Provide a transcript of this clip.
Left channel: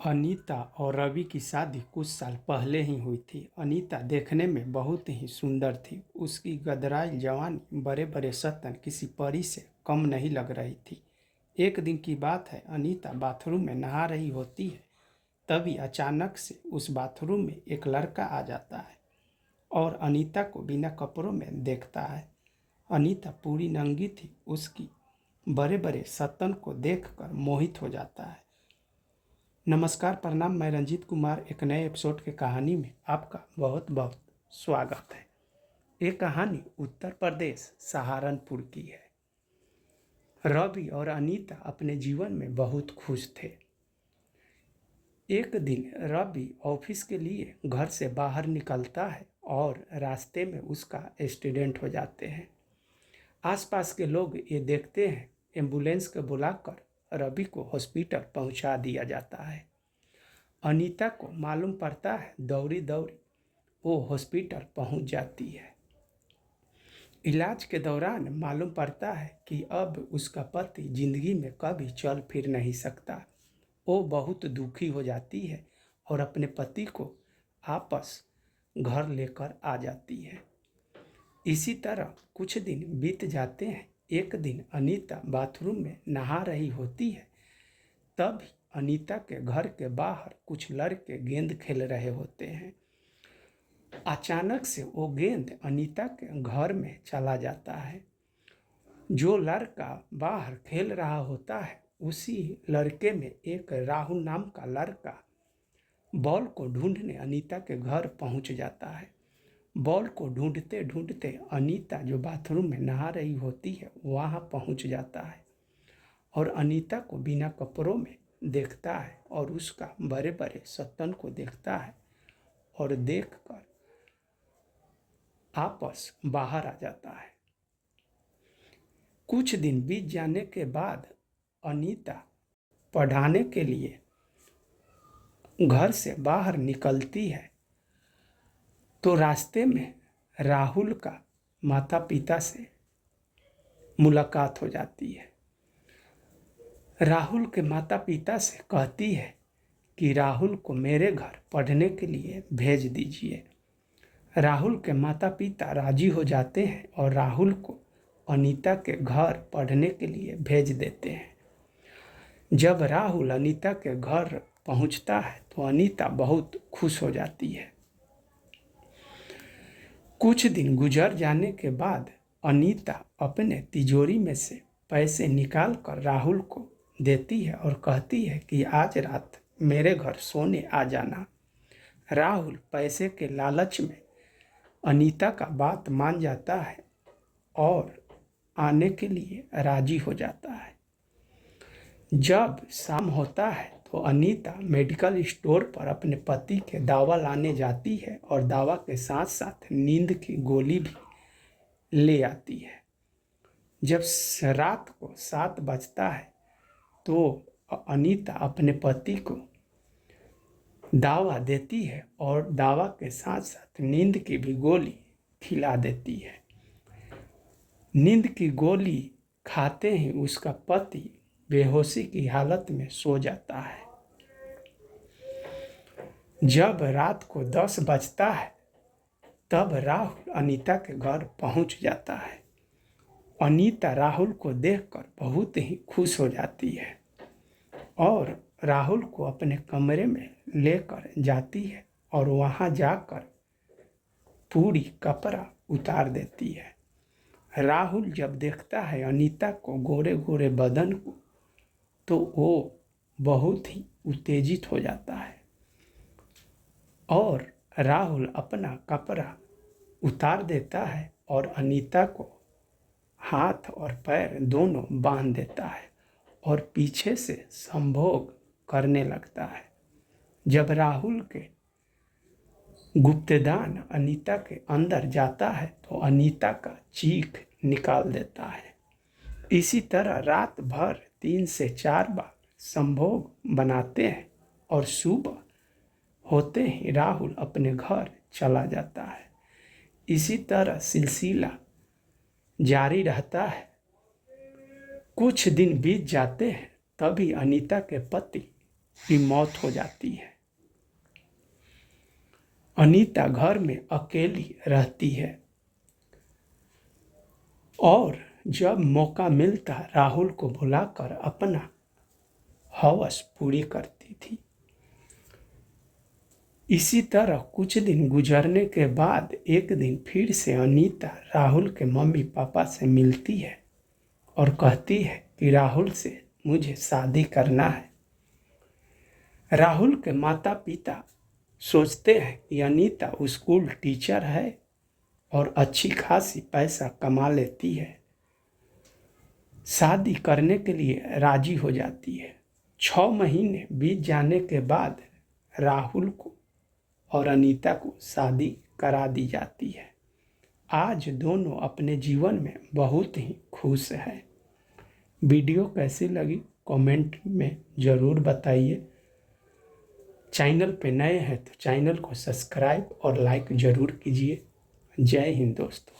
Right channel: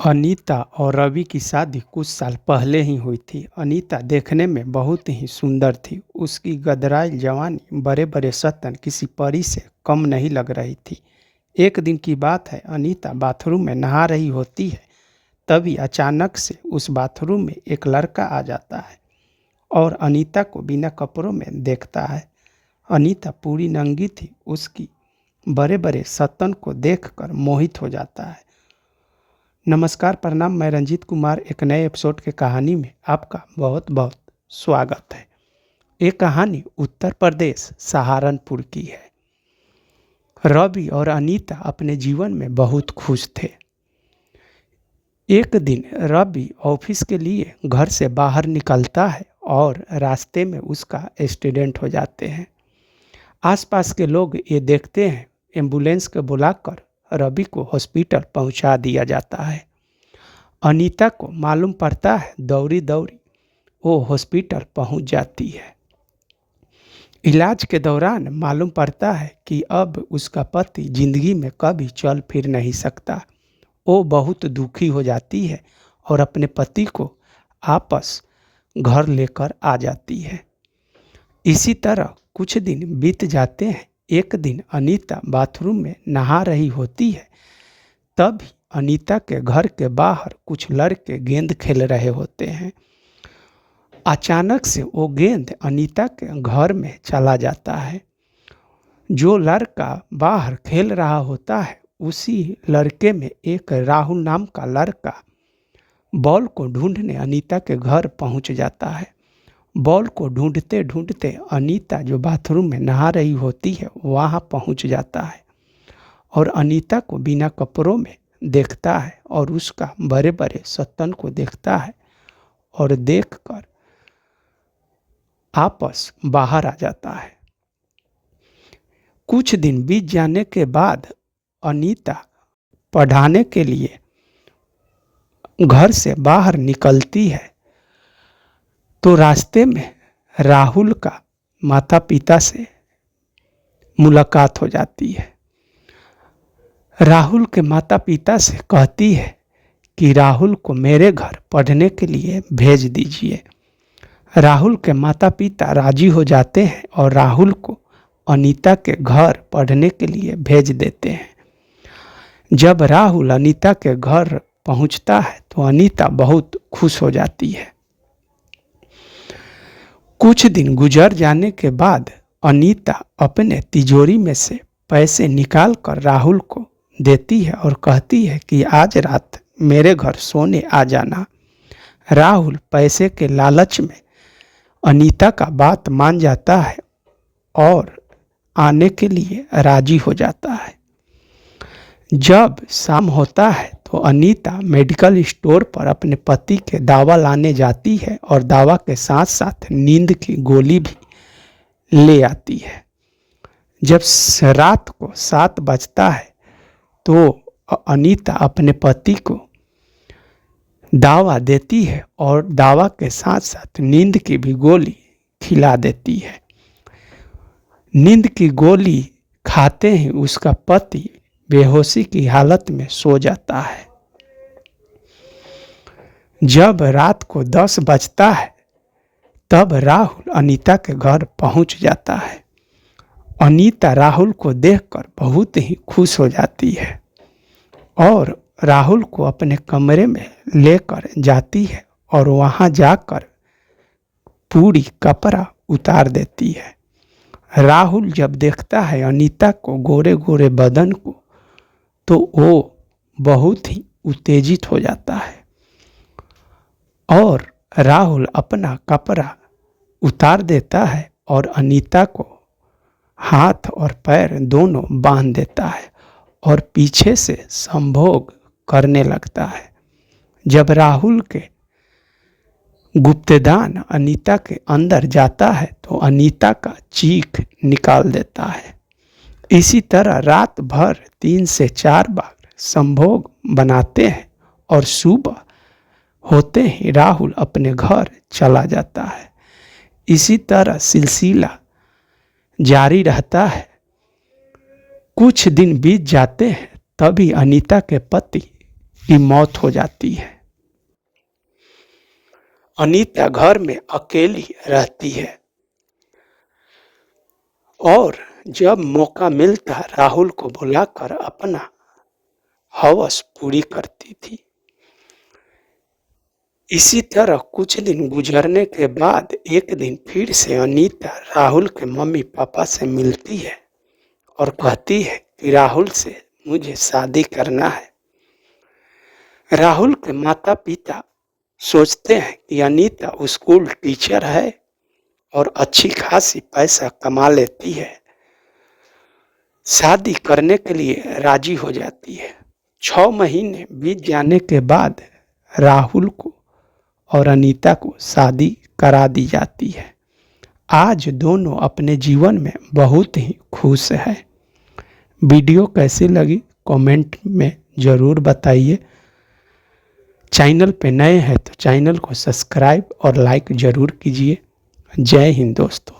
अनीता और रवि की शादी कुछ साल पहले ही हुई थी। अनीता देखने में बहुत ही सुंदर थी। उसकी गदराई जवानी, बड़े बड़े सतन किसी परी से कम नहीं लग रही थी। एक दिन की बात है, अनीता बाथरूम में नहा रही होती है। तभी अचानक से उस बाथरूम में एक लड़का आ जाता है और अनीता को बिना कपड़ों में देखता है। अनीता पूरी नंगी थी। उसकी बड़े बड़े सतन को देखकर मोहित हो जाता है। नमस्कार, प्रणाम। मैं रंजीत कुमार एक नए एपिसोड के कहानी में आपका बहुत बहुत स्वागत है। ये कहानी उत्तर प्रदेश सहारनपुर की है। रवि और अनीता अपने जीवन में बहुत खुश थे। एक दिन रवि ऑफिस के लिए घर से बाहर निकलता है और रास्ते में उसका एक्सीडेंट हो जाते हैं। आसपास के लोग ये देखते हैं। एम्बुलेंस को बुलाकर रवि को हॉस्पिटल पहुंचा दिया जाता है। अनीता को मालूम पड़ता है, दौड़ी दौड़ी वो हॉस्पिटल पहुंच जाती है। इलाज के दौरान मालूम पड़ता है कि अब उसका पति जिंदगी में कभी चल फिर नहीं सकता। वो बहुत दुखी हो जाती है और अपने पति को वापस घर लेकर आ जाती है। इसी तरह कुछ दिन बीत जाते हैं। एक दिन अनीता बाथरूम में नहा रही होती है। तभी अनीता के घर के बाहर कुछ लड़के गेंद खेल रहे होते हैं। अचानक से वो गेंद अनीता के घर में चला जाता है। जो लड़का बाहर खेल रहा होता है, उसी लड़के में एक राहुल नाम का लड़का बॉल को ढूंढने अनीता के घर पहुंच जाता है। बॉल को ढूंढते ढूंढते अनीता जो बाथरूम में नहा रही होती है वहां पहुंच जाता है और अनीता को बिना कपड़ों में देखता है और उसका बड़े बड़े सतन को देखता है और देखकर आपस बाहर आ जाता है। कुछ दिन बीत जाने के बाद अनीता पढ़ाने के लिए घर से बाहर निकलती है तो रास्ते में राहुल का माता पिता से मुलाकात हो जाती है। राहुल के माता पिता से कहती है कि राहुल को मेरे घर पढ़ने के लिए भेज दीजिए। राहुल के माता पिता राजी हो जाते हैं और राहुल को अनीता के घर पढ़ने के लिए भेज देते हैं। जब राहुल अनीता के घर पहुंचता है तो अनीता बहुत खुश हो जाती है। कुछ दिन गुजर जाने के बाद अनीता अपने तिजोरी में से पैसे निकाल कर राहुल को देती है और कहती है कि आज रात मेरे घर सोने आ जाना। राहुल पैसे के लालच में अनीता का बात मान जाता है और आने के लिए राजी हो जाता है। जब शाम होता है तो अनीता मेडिकल स्टोर पर अपने पति के दवा लाने जाती है और दवा के साथ साथ नींद की गोली भी ले आती है। जब रात को 7 बजता है तो अनीता अपने पति को दवा देती है और दवा के साथ साथ नींद की भी गोली खिला देती है। नींद की गोली खाते ही उसका पति बेहोशी की हालत में सो जाता है। जब रात को 10 बजता है तब राहुल अनीता के घर पहुंच जाता है। अनीता राहुल को देखकर बहुत ही खुश हो जाती है और राहुल को अपने कमरे में लेकर जाती है और वहां जाकर पूरी कपड़ा उतार देती है। राहुल जब देखता है अनीता को, गोरे गोरे बदन को, तो वो बहुत ही उत्तेजित हो जाता है और राहुल अपना कपड़ा उतार देता है और अनीता को हाथ और पैर दोनों बांध देता है और पीछे से संभोग करने लगता है। जब राहुल के गुप्तदान अनीता के अंदर जाता है तो अनीता का चीख निकाल देता है। इसी तरह रात भर 3 से 4 बार संभोग बनाते हैं और सुबह होते ही राहुल अपने घर चला जाता है। इसी तरह सिलसिला जारी रहता है। कुछ दिन बीत जाते हैं तभी अनीता के पति की मौत हो जाती है। अनीता घर में अकेली रहती है और जब मौका मिलता राहुल को बुलाकर अपना हवस पूरी करती थी। इसी तरह कुछ दिन गुजरने के बाद एक दिन फिर से अनीता राहुल के मम्मी पापा से मिलती है और कहती है कि राहुल से मुझे शादी करना है। राहुल के माता पिता सोचते हैं कि अनीता स्कूल टीचर है और अच्छी खासी पैसा कमा लेती है, शादी करने के लिए राजी हो जाती है। 6 महीने बीत जाने के बाद राहुल को और अनीता को शादी करा दी जाती है। आज दोनों अपने जीवन में बहुत ही खुश हैं। वीडियो कैसी लगी कमेंट में ज़रूर बताइए। चैनल पे नए हैं तो चैनल को सब्सक्राइब और लाइक ज़रूर कीजिए। जय हिंद दोस्तों।